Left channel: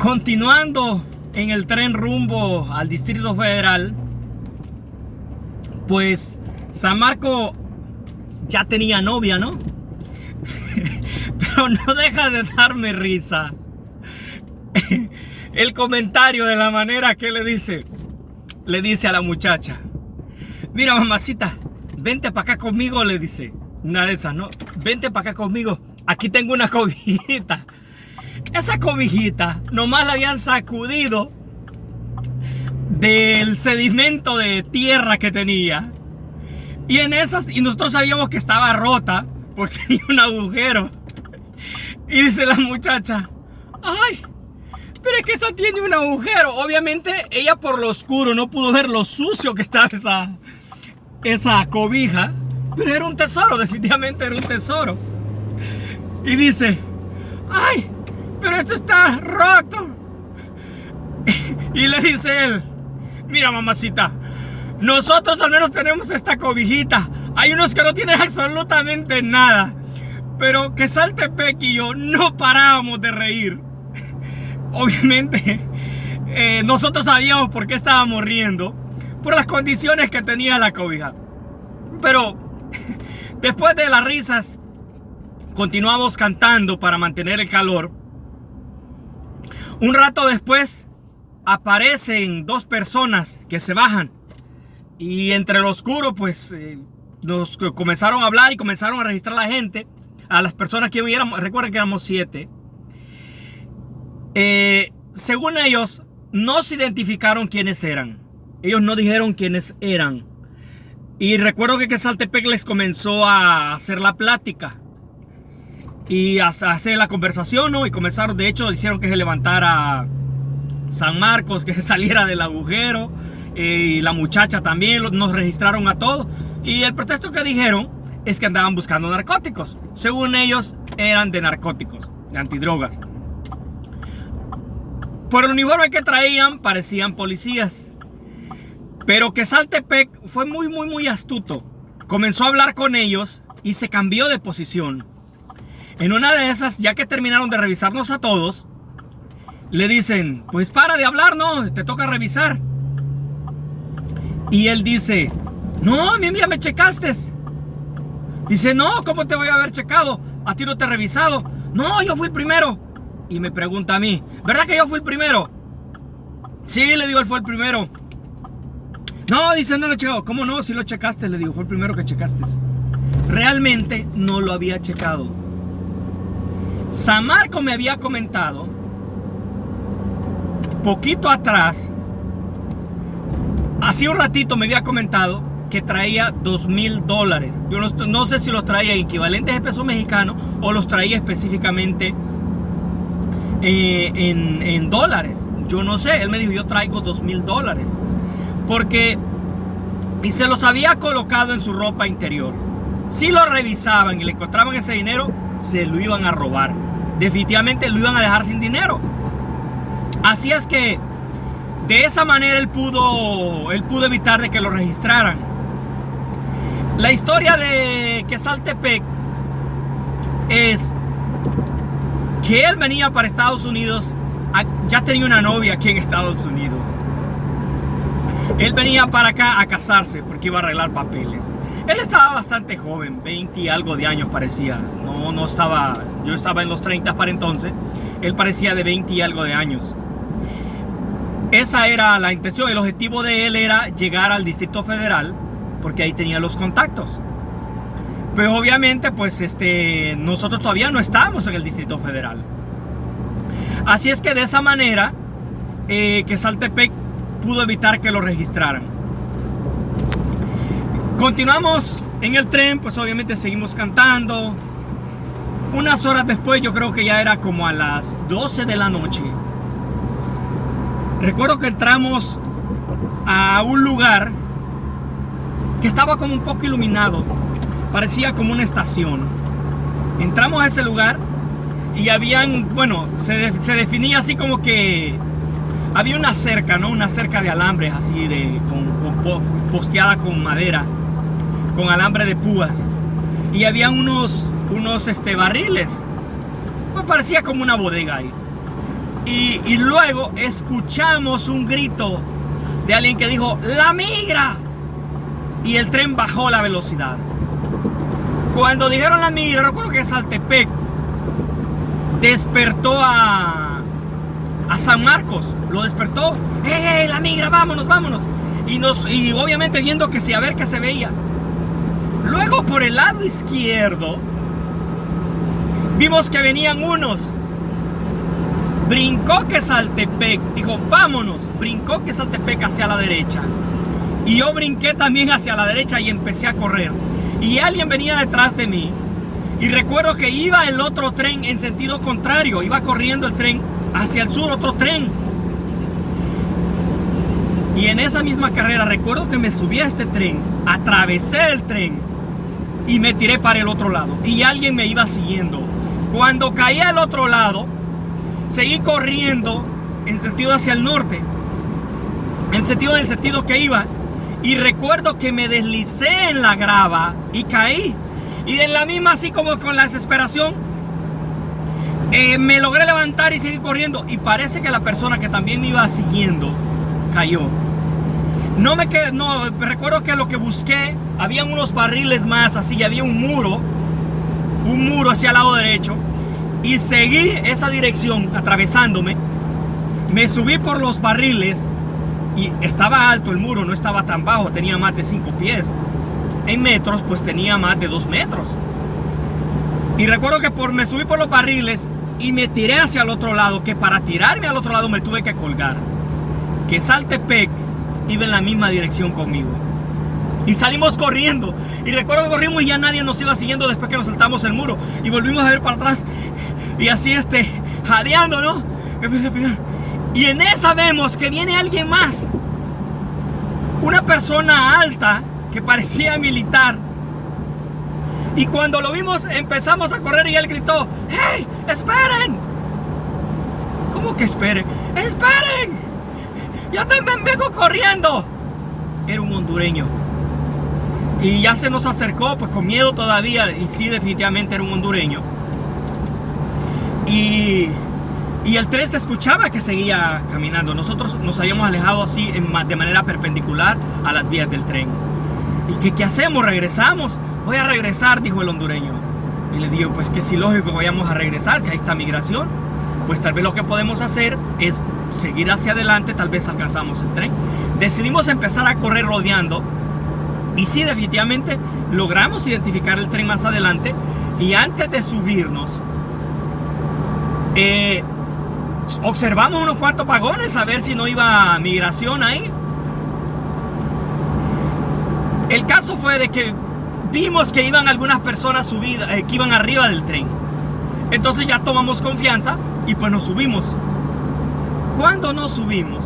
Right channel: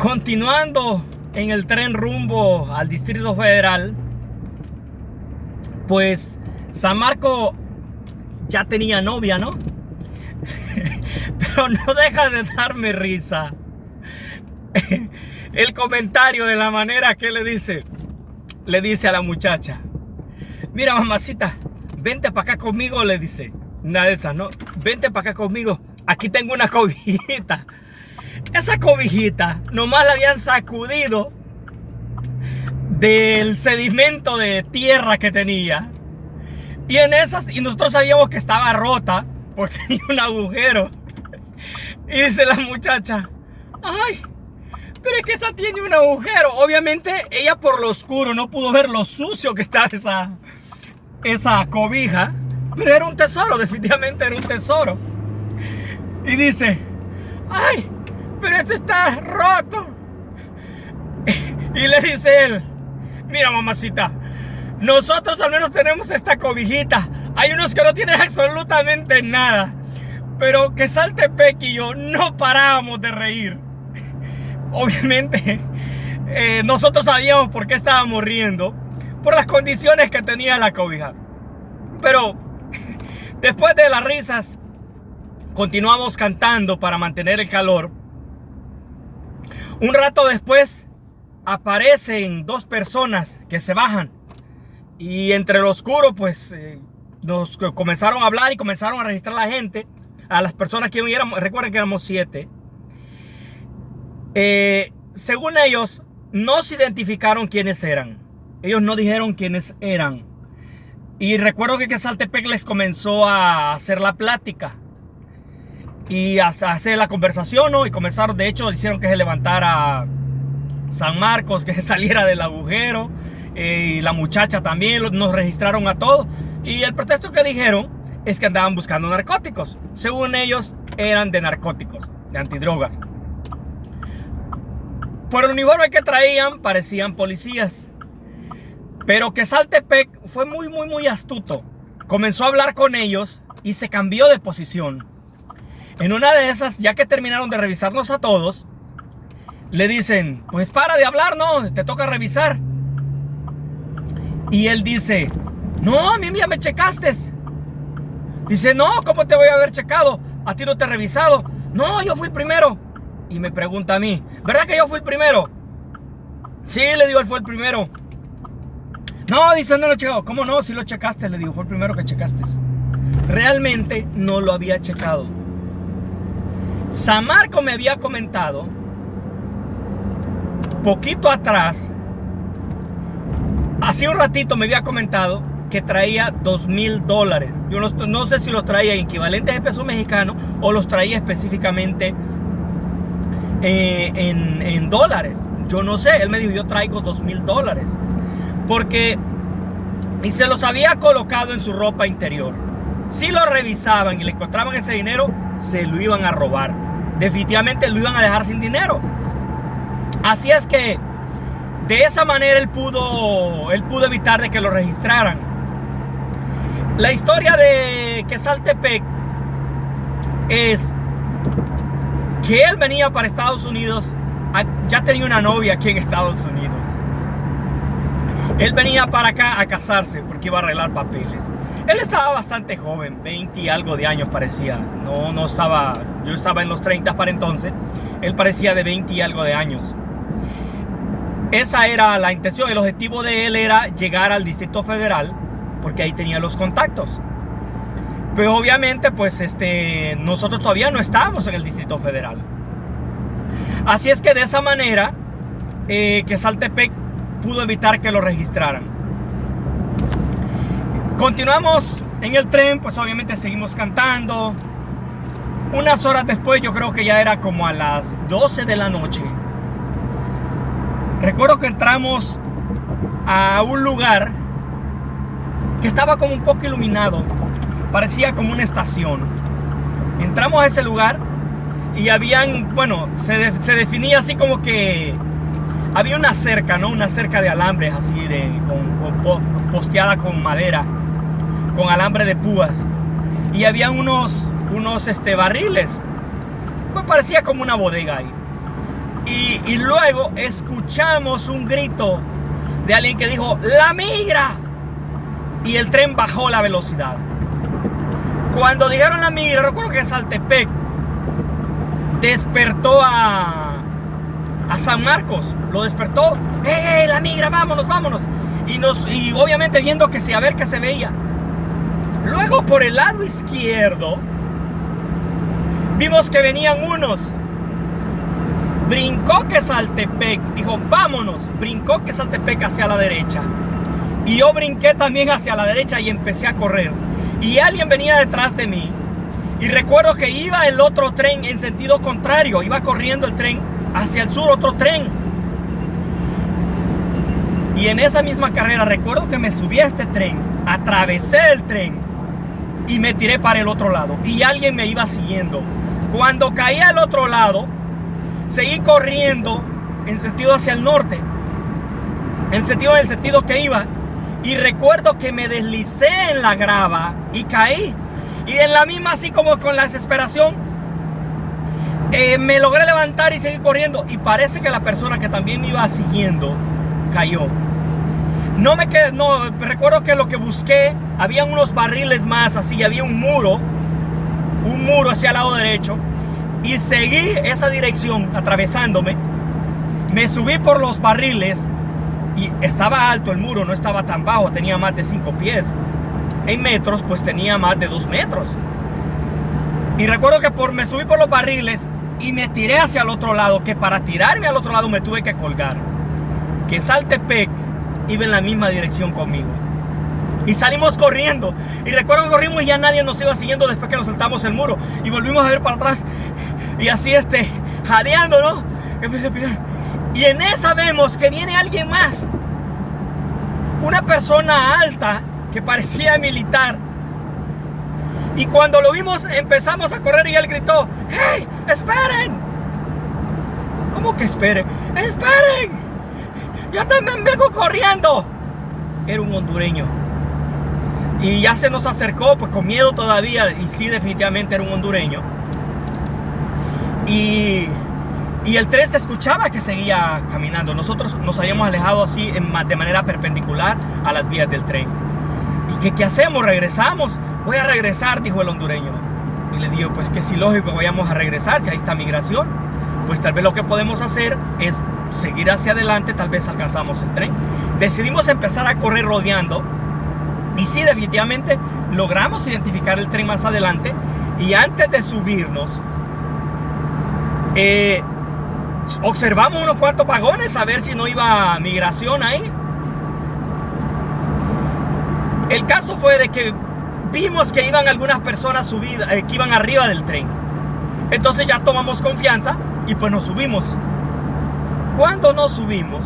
Continuando en el tren rumbo al Distrito Federal, pues San Marco ya tenía novia, ¿no? Pero no deja de darme risa el comentario de la manera que le dice a la muchacha: mira, mamacita, vente para acá conmigo, le dice. Una de esas, ¿no? Vente para acá conmigo, aquí tengo una cobijita. Esa cobijita nomás la habían sacudido del sedimento de tierra que tenía. Y nosotros sabíamos que estaba rota porque tenía un agujero. Y dice la muchacha: ay, pero es que esta tiene un agujero. Obviamente ella por lo oscuro no pudo ver lo sucio que estaba esa cobija. Pero era un tesoro, definitivamente era un tesoro. Y dice: ay, pero esto está roto. Y le dice él: mira, mamacita, nosotros al menos tenemos esta cobijita. Hay unos que no tienen absolutamente nada. Pero que Saltepec y yo no parábamos de reír. Obviamente nosotros sabíamos por qué estábamos riendo, por las condiciones que tenía la cobija. Pero después de las risas, continuamos cantando para mantener el calor. Un rato después aparecen dos personas que se bajan. Y entre lo oscuro, pues nos comenzaron a hablar y comenzaron a registrar a la gente, a las personas que éramos. Recuerden que éramos 7. Según ellos, no se identificaron quiénes eran. Ellos no dijeron quiénes eran. Y recuerdo que Saltepec les comenzó a hacer la plática y a hacer la conversación, ¿no? Y comenzaron, de hecho, hicieron que se levantara San Marcos, que saliera del agujero. Y la muchacha también, nos registraron a todos. Y el pretexto que dijeron es que andaban buscando narcóticos. Según ellos, eran de narcóticos, de antidrogas. Por el uniforme que traían, parecían policías. Pero que Saltepec fue muy astuto. Comenzó a hablar con ellos y se cambió de posición. En una de esas, ya que terminaron de revisarnos a todos, le dicen: pues para de hablar, ¿no? Te toca revisar. Y él dice: no, a mí ya me checaste. Dice: no, ¿cómo te voy a haber checado? A ti no te he revisado. No, yo fui el primero. Y me pregunta a mí: ¿verdad que yo fui el primero? Sí, le digo, él fue el primero. No, dice, no lo he checado. ¿Cómo no? Si lo checaste, le digo, fue el primero que checaste. Realmente no lo había checado. San Marco me había comentado poquito atrás, hace un ratito me había comentado que traía $2,000. Yo no sé si los traía en equivalentes de peso mexicano o los traía específicamente en dólares. Yo no sé, él me dijo: yo traigo $2,000. Y se los había colocado en su ropa interior. Si lo revisaban y le encontraban ese dinero, se lo iban a robar. Definitivamente lo iban a dejar sin dinero. Así es que de esa manera él pudo evitar de que lo registraran. La historia de que Saltepec es que él venía para Estados Unidos. Ya tenía una novia aquí en Estados Unidos. Él venía para acá a casarse porque iba a arreglar papeles. Él estaba bastante joven, 20 y algo de años parecía. No estaba, yo estaba en los 30 para entonces. Él parecía de 20 y algo de años. Esa era la intención. El objetivo de él era llegar al Distrito Federal porque ahí tenía los contactos. Pero obviamente pues nosotros todavía no estábamos en el Distrito Federal. Así es que de esa manera que Saltepec pudo evitar que lo registraran. Continuamos en el tren, pues obviamente seguimos cantando. Unas horas después, yo creo que ya era como a las 12 de la noche. Recuerdo que entramos a un lugar que estaba como un poco iluminado. Parecía como una estación. Entramos a ese lugar y habían, bueno, se definía así como que había una cerca, ¿no? Una cerca de alambres así, posteada con madera, con alambre de púas. Y había unos barriles. Pues parecía como una bodega ahí. Y luego escuchamos un grito de alguien que dijo: ¡la migra! Y el tren bajó la velocidad. Cuando dijeron la migra, recuerdo que Saltepec despertó a San Marcos. Lo despertó. ¡Hey, la migra! ¡Vámonos, vámonos! Y obviamente viendo que sí, a ver qué se veía. Luego por el lado izquierdo vimos que venían unos. Brincó que Saltepec, dijo vámonos, brincó que Saltepec hacia la derecha. Y yo brinqué también hacia la derecha y empecé a correr. Y alguien venía detrás de mí. Y recuerdo que iba el otro tren en sentido contrario. Iba corriendo el tren hacia el sur, otro tren. Y en esa misma carrera recuerdo que me subí a este tren, atravesé el tren y me tiré para el otro lado. Y alguien me iba siguiendo. Cuando caí al otro lado, seguí corriendo en sentido hacia el norte, en el sentido que iba, y recuerdo que me deslicé en la grava y caí. Y en la misma, así como con la desesperación, me logré levantar y seguí corriendo. Y parece que la persona que también me iba siguiendo cayó. No me quedé, no, recuerdo que lo que busqué, habían unos barriles más, así, había un muro hacia el lado derecho. Y seguí esa dirección atravesándome. Me subí por los barriles y estaba alto el muro, no estaba tan bajo, tenía más de 5 pies. En metros, pues tenía más de 2 metros. Y recuerdo que me subí por los barriles y me tiré hacia el otro lado, que para tirarme al otro lado me tuve que colgar. Que Saltepec iba en la misma dirección conmigo. Y salimos corriendo. Y recuerdo que corrimos y ya nadie nos iba siguiendo después que nos saltamos el muro. Y volvimos a ver para atrás. Y así jadeando, ¿no? Y en esa vemos que viene alguien más. Una persona alta que parecía militar. Y cuando lo vimos empezamos a correr y él gritó: ¡hey, esperen! ¿Cómo que esperen? ¡Esperen! ¡Yo también vengo corriendo! Era un hondureño. Y ya se nos acercó, pues con miedo todavía. Y sí, definitivamente era un hondureño. Y el tren se escuchaba que seguía caminando. Nosotros nos habíamos alejado así de manera perpendicular a las vías del tren. ¿Y qué hacemos? ¿Regresamos? Voy a regresar, dijo el hondureño. Y le digo, pues que sí, lógico, vayamos a regresar. Si ahí está migración, pues tal vez lo que podemos hacer es seguir hacia adelante. Tal vez alcanzamos el tren. Decidimos empezar a correr rodeando. Y sí, definitivamente logramos identificar el tren más adelante. Y antes de subirnos, observamos unos cuantos vagones a ver si no iba migración ahí. El caso fue de que vimos que iban algunas personas subidas, que iban arriba del tren. Entonces ya tomamos confianza y pues nos subimos. Cuando nos subimos,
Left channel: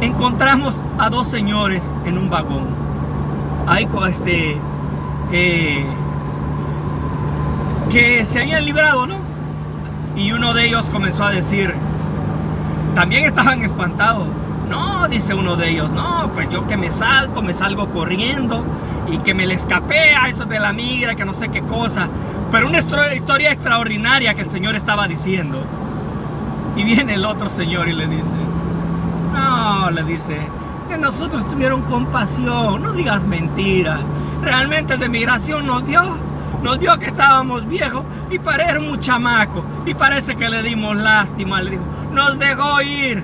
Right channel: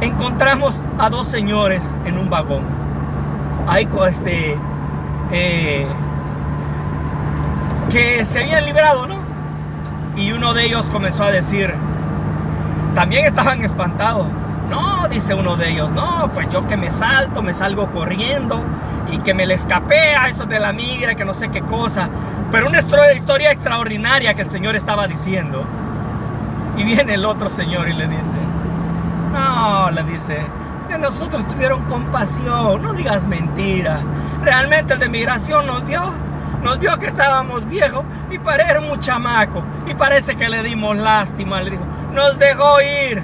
encontramos a 2 señores en un vagón. Ahí que se habían librado, ¿no? Y uno de ellos comenzó a decir, también estaban espantados. No, dice uno de ellos, no, pues yo que me salgo corriendo y que me le escapé a esos de la migra, que no sé qué cosa. Pero una historia extraordinaria que el señor estaba diciendo. Y viene el otro señor y le dice, no, le dice, de nosotros tuvieron compasión, no digas mentira. Realmente el de migración nos vio que estábamos viejos y era un chamaco. Y parece que le dimos lástima, le dijo, nos dejó ir.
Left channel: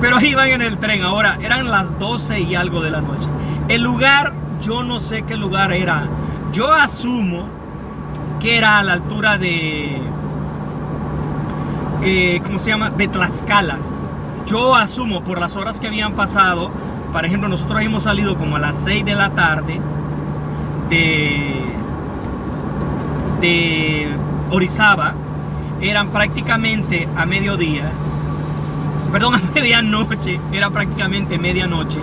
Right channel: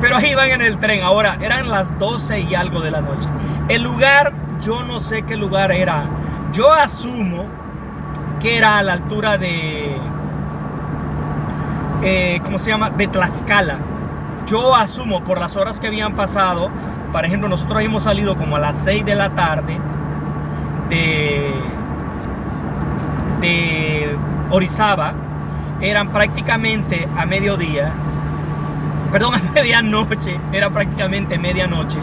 Pero iban en el tren. Ahora eran las 12 y algo de la noche. El lugar, yo no sé qué lugar era. Yo asumo que era a la altura de ¿cómo se llama? De Tlaxcala. Yo asumo por las horas que habían pasado. Por ejemplo, nosotros hemos salido como a las 6 de la tarde de Orizaba. Eran prácticamente a mediodía. Perdón, a medianoche. Era prácticamente medianoche.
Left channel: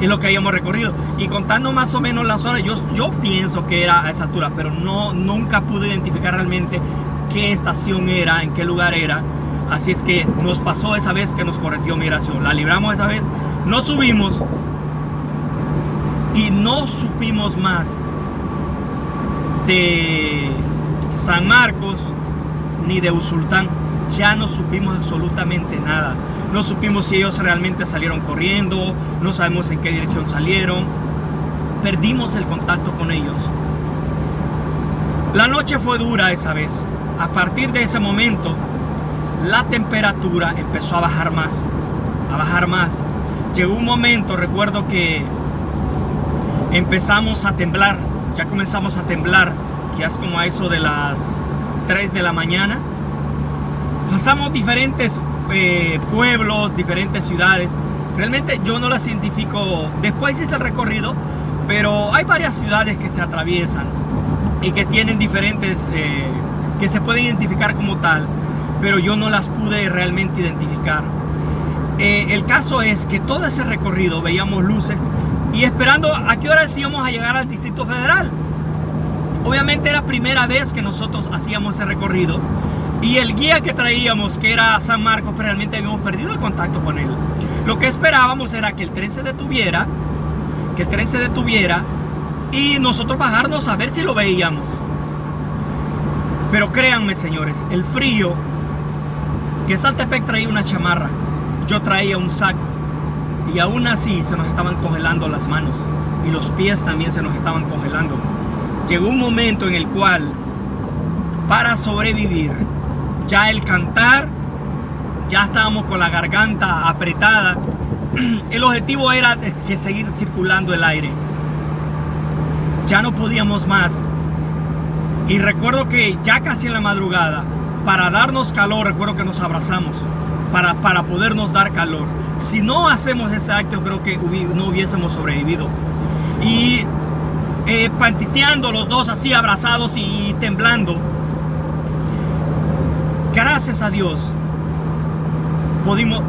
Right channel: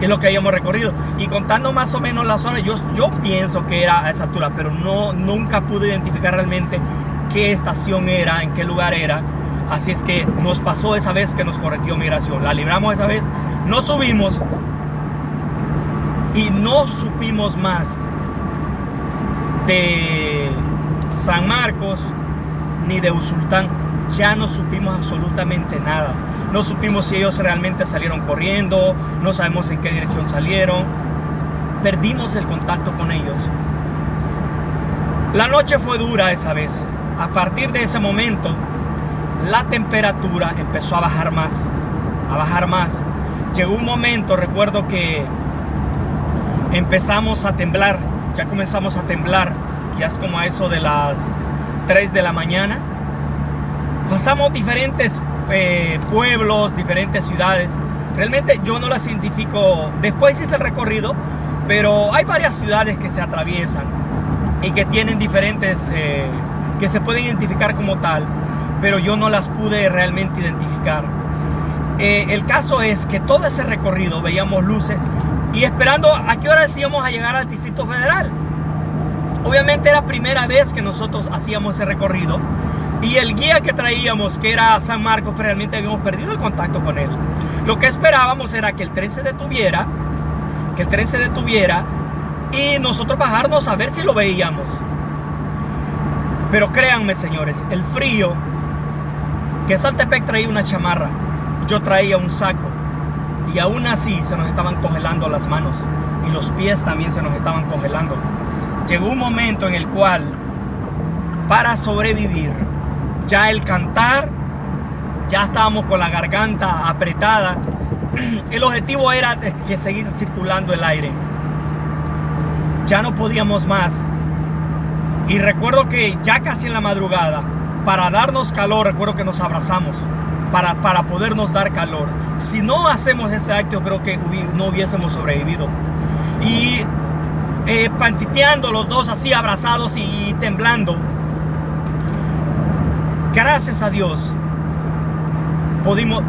Es lo que habíamos recorrido. Y contando más o menos las horas, yo pienso que era a esa altura. Pero nunca pude identificar realmente qué estación era, en qué lugar era. Así es que nos pasó esa vez que nos correteó migración. La libramos esa vez. Nos subimos. Y no supimos más de San Marcos ni de Usulután. Ya no supimos absolutamente nada. No supimos si ellos realmente salieron corriendo, no sabemos en qué dirección salieron. Perdimos el contacto con ellos. La noche fue dura esa vez. A partir de ese momento, la temperatura empezó a bajar más. Llegó un momento, recuerdo que empezamos a temblar. Ya comenzamos a temblar. Ya es como a eso de las 3 de la mañana. Pasamos diferentes pueblos, diferentes ciudades. Realmente yo no las identifico. Después hice el recorrido, pero hay varias ciudades que se atraviesan y que tienen diferentes, que se pueden identificar como tal, pero yo no las pude realmente identificar. El caso es que todo ese recorrido veíamos luces y esperando a qué hora íbamos a llegar al Distrito Federal. Obviamente era primera vez que nosotros hacíamos ese recorrido y el guía que traíamos, que era San Marcos, pero realmente habíamos perdido el contacto con él. Lo que esperábamos era que el tren se detuviera, y nosotros bajarnos a ver si lo veíamos. Pero créanme, señores, el frío, que Saltepec traía una chamarra, yo traía un saco, y aún así se nos estaban congelando las manos y los pies también se nos estaban congelando. Llegó un momento en el cual, para sobrevivir, ya el cantar, ya estábamos con la garganta apretada. El objetivo era que seguir circulando el aire. Ya no podíamos más. Y recuerdo que ya casi en la madrugada, para darnos calor, recuerdo que nos abrazamos para podernos dar calor. Si no hacemos ese acto, creo que no hubiésemos sobrevivido. Y pantiteando los dos así abrazados y temblando. Gracias a Dios pudimos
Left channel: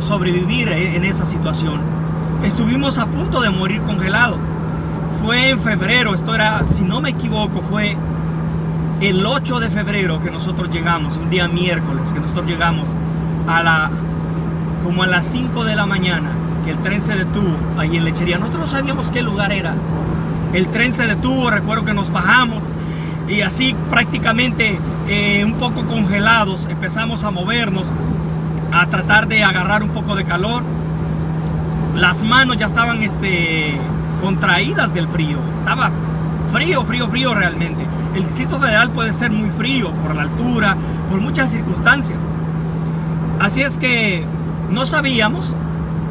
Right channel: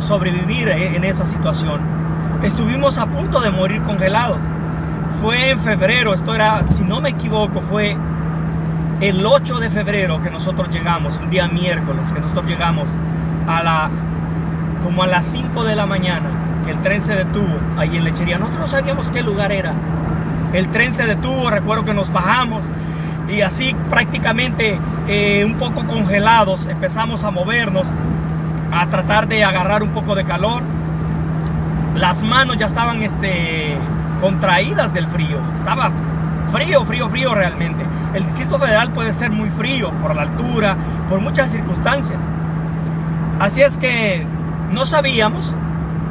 sobrevivir en esa situación. Estuvimos a punto de morir congelados. Fue en febrero, esto era, si no me equivoco, fue el 8 de febrero que nosotros llegamos, un día miércoles, que nosotros llegamos como a las 5 de la mañana, que el tren se detuvo ahí en Lechería. Nosotros no sabíamos qué lugar era. El tren se detuvo, recuerdo que nos bajamos y así prácticamente un poco congelados empezamos a movernos, a tratar de agarrar un poco de calor. Las manos ya estaban contraídas del frío. Estaba frío realmente. El Distrito Federal puede ser muy frío por la altura, por muchas circunstancias. Así es que no sabíamos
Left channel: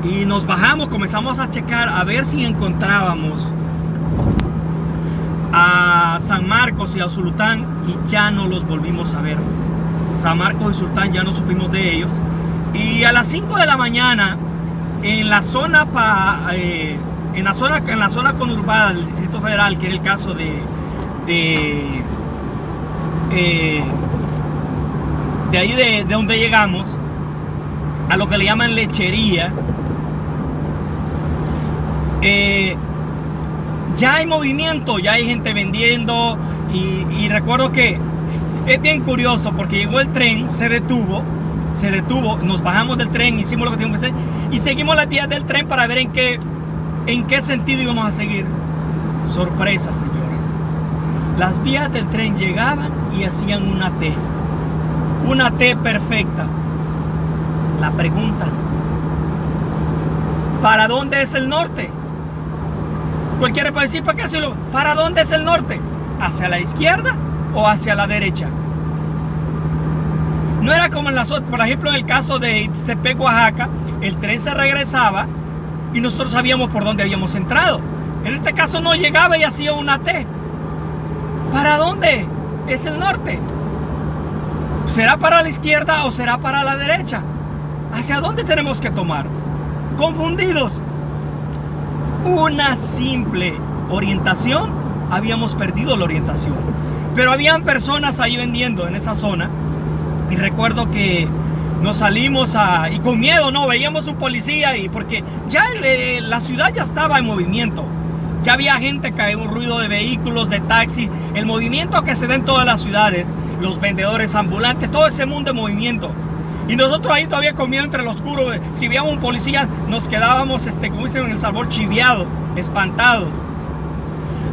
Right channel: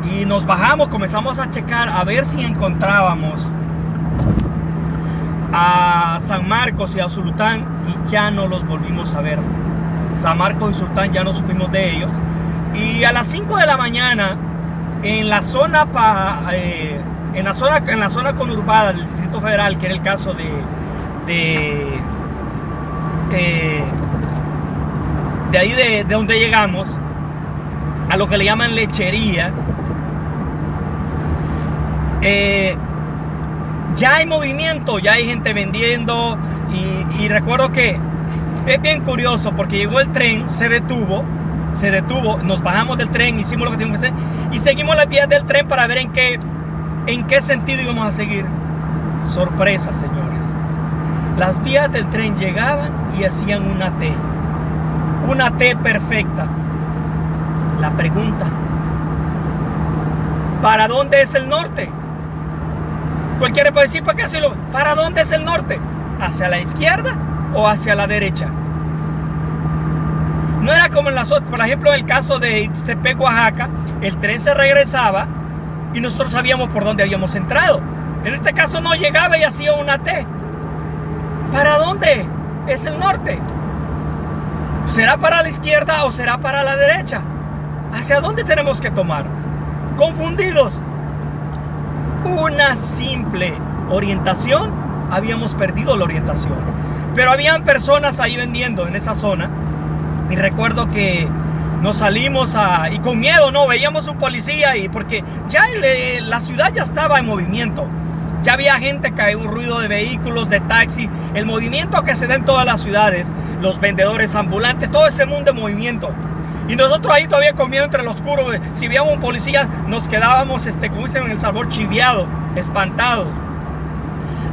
y nos bajamos, comenzamos a checar a ver si encontrábamos a San Marcos y a Usulután, y ya no los volvimos a ver. San Marcos y Usulután ya no supimos de ellos. Y a las 5 de la mañana en la zona conurbada del Distrito Federal, que era el caso de ahí de donde llegamos, a lo que le llaman Lechería, ya hay movimiento, ya hay gente vendiendo, y recuerdo que es bien curioso porque llegó el tren, se detuvo, nos bajamos del tren, hicimos lo que teníamos que hacer y seguimos las vías del tren para ver en qué sentido íbamos a seguir. Sorpresa, señores. Las vías del tren llegaban y hacían una T perfecta. La pregunta: ¿para dónde es el norte? Cualquiera puede decir, ¿para qué hacerlo? ¿Para dónde es el norte? ¿Hacia la izquierda o hacia la derecha? No era como en las otras. Por ejemplo, en el caso de Ixtepec, Oaxaca, el tren se regresaba y nosotros sabíamos por dónde habíamos entrado. En este caso no llegaba y hacía una T. ¿Para dónde es el norte? ¿Será para la izquierda o será para la derecha? ¿Hacia dónde tenemos que tomar? Confundidos. Una simple orientación, habíamos perdido la orientación. Pero habían personas ahí vendiendo en esa zona. Y recuerdo que nos salimos y con miedo, no, veíamos un policía, y porque ya la ciudad ya estaba en movimiento. Ya había gente, que un ruido de vehículos, de taxi, el movimiento que se da en todas las ciudades, los vendedores ambulantes, todo ese mundo en movimiento. Y nosotros ahí todavía con miedo entre los oscuros. Si veíamos un policía, nos quedábamos, como dicen en El Salvador, chiviados, espantados.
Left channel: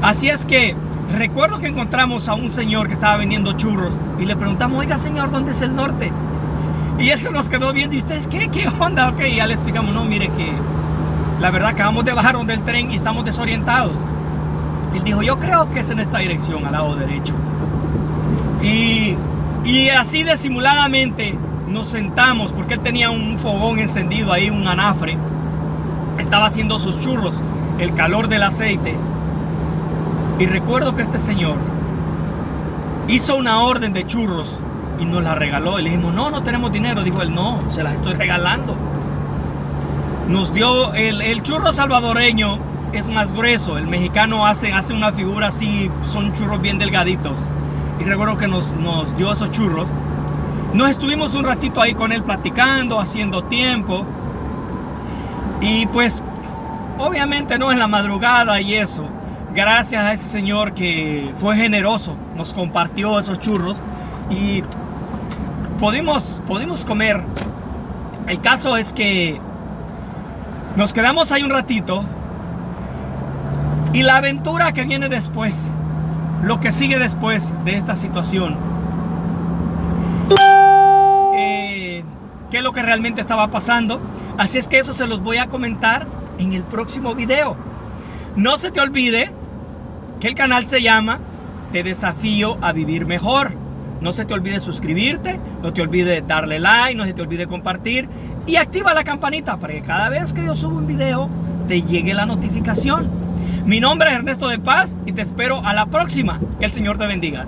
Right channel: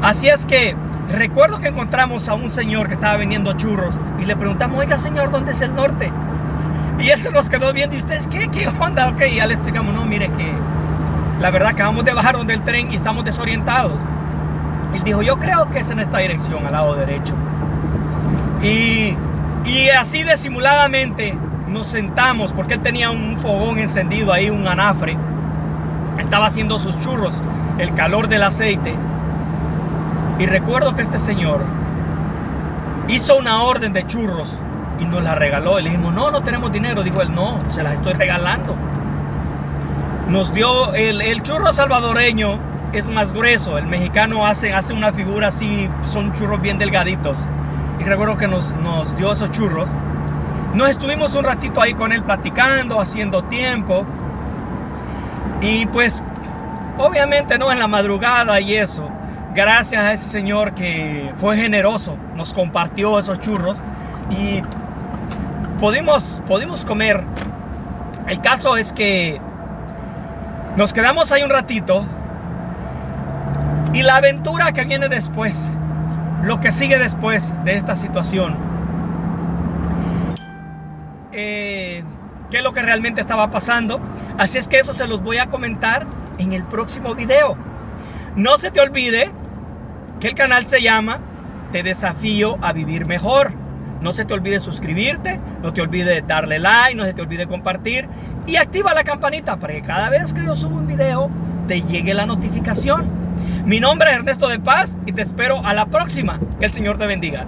Así es que recuerdo que encontramos a un señor que estaba vendiendo churros y le preguntamos, oiga señor, ¿dónde es el norte? Y él se nos quedó viendo, ¿y ustedes qué? ¿Qué onda? Ok, ya le explicamos, no, mire que la verdad acabamos de bajar del tren y estamos desorientados. Él dijo, yo creo que es en esta dirección, al lado derecho. Y así disimuladamente nos sentamos, porque él tenía un fogón encendido ahí, un anafre. Estaba haciendo sus churros, el calor del aceite. Y recuerdo que este señor hizo una orden de churros y nos la regaló. Y le dijimos, no tenemos dinero. Dijo él, no, se las estoy regalando. Nos dio el churro salvadoreño, es más grueso. El mexicano hace una figura así, son churros bien delgaditos. Y recuerdo que nos dio esos churros. Nos estuvimos un ratito ahí con él platicando, haciendo tiempo. Y pues, obviamente no en la madrugada y eso. Gracias a ese señor que fue generoso, nos compartió esos churros y pudimos comer. El caso es que nos quedamos ahí un ratito y la aventura que viene después, lo que sigue después de esta situación, qué es lo que realmente estaba pasando. Así es que eso se los voy a comentar en el próximo video. No se te olvide que el canal se llama Te Desafío a Vivir Mejor. No se te olvide suscribirte, no te olvide darle like, no se te olvide compartir y activa la campanita para que cada vez que yo suba un video te llegue la notificación. Mi nombre es Ernesto de Paz y te espero a la próxima. Que el Señor te bendiga.